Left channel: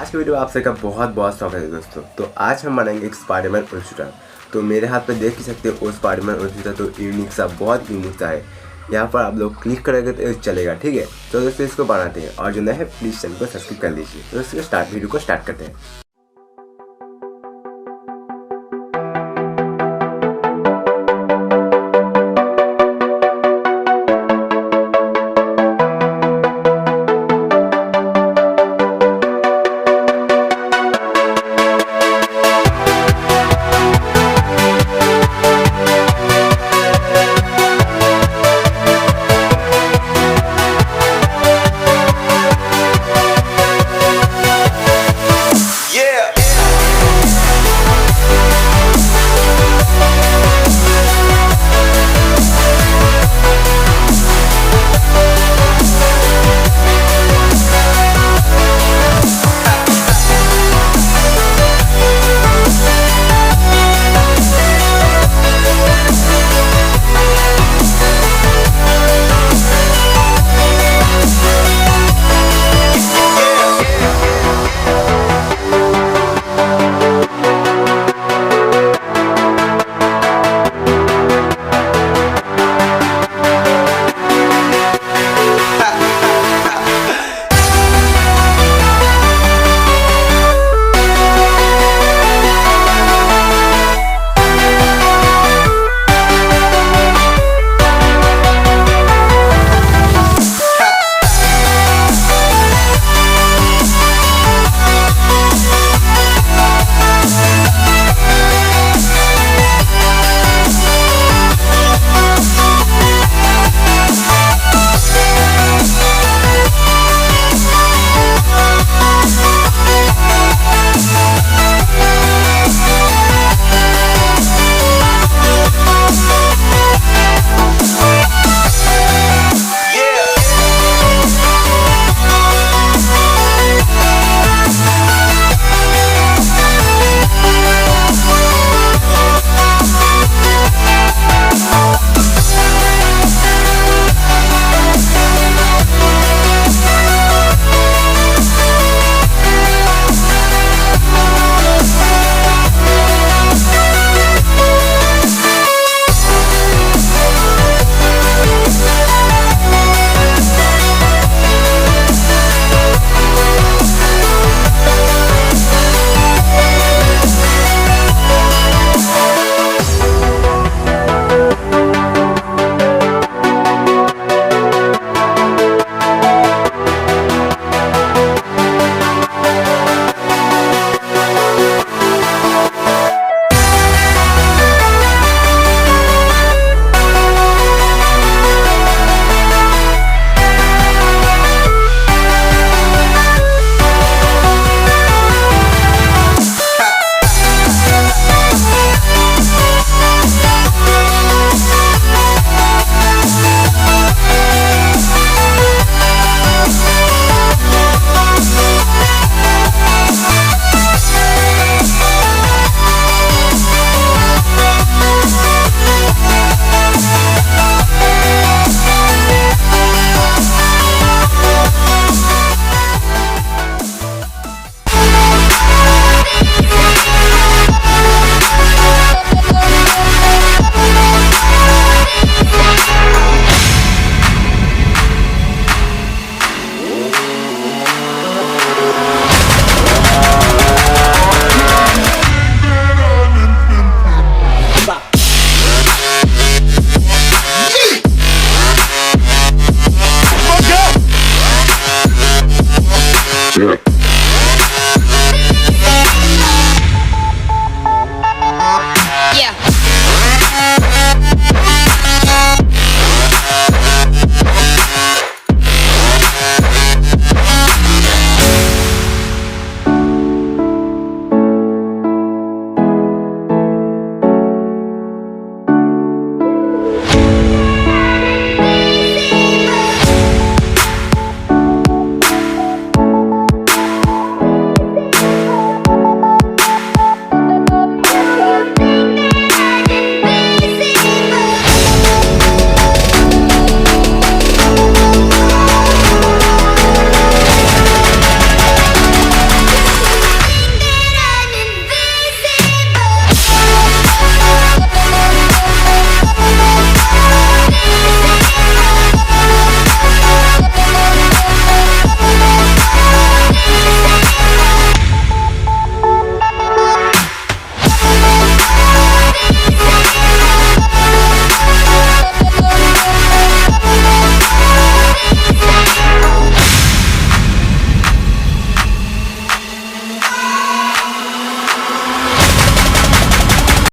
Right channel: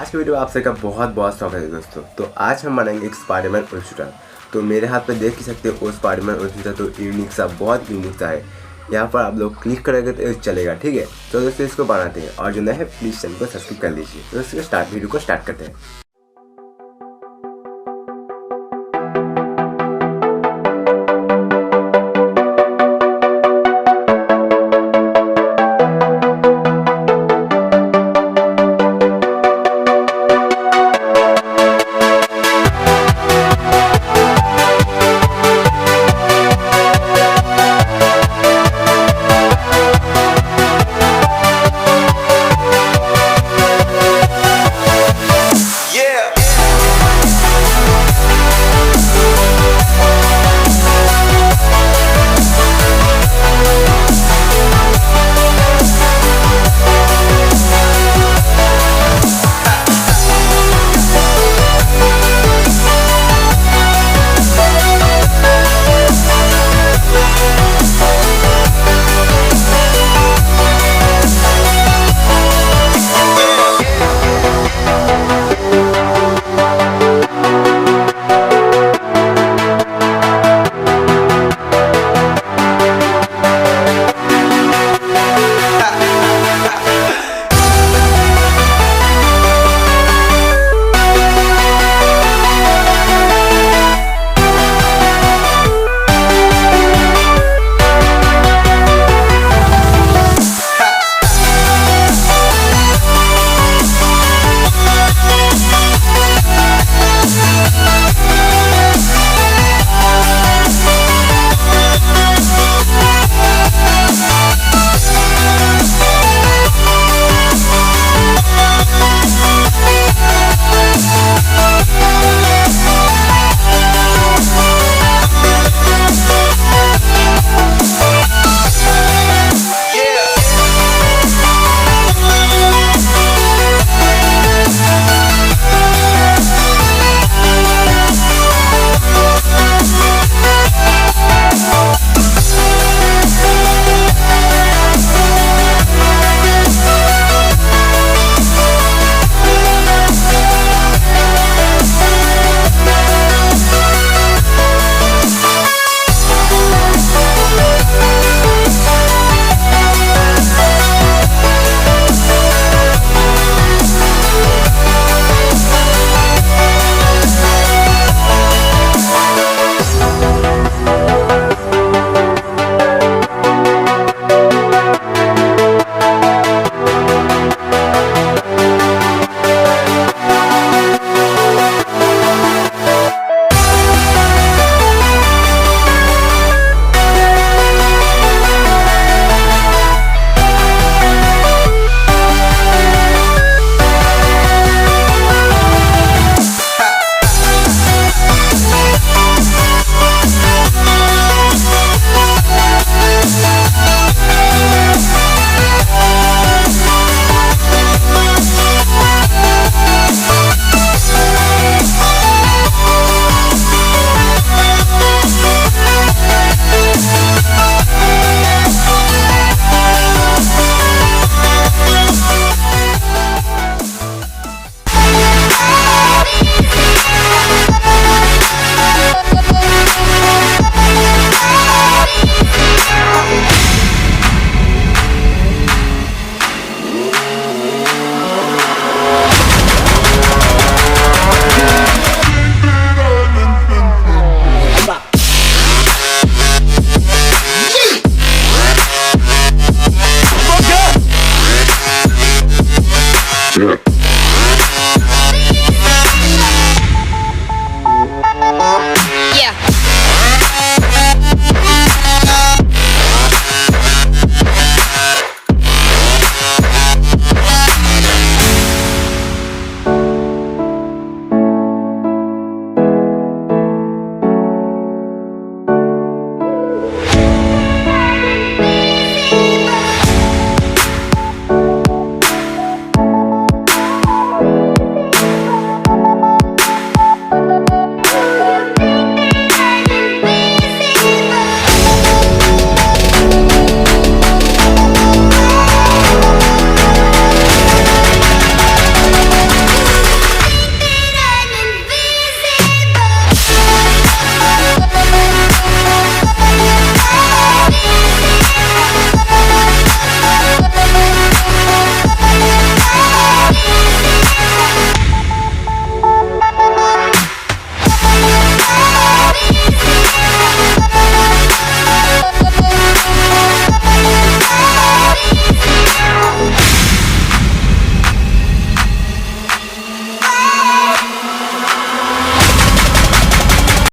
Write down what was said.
आज के वीडियो में आप सबका बहुत बहुत स्वागत है दोस्तों। तो आज हम बनाएंगे एक स्पाइडरमैन उल्स्टर। तो मेरे हाथ पे देख ही सकते हो वो स्पाइडरमैन उल्स्टर तो यूनिक सा, बहुत यूनिक सा है। यहाँ पर आप लोग क्लिक करेंगे तो चलेगा, ठीक है। तो दोस्तों इसको बनाते हैं और जो नया है प्लीज़ चैनल को सब्सक्राइब कर लीजिए। तो दोस्तों वीडियो को स्टार्ट करते हैं। Yeah.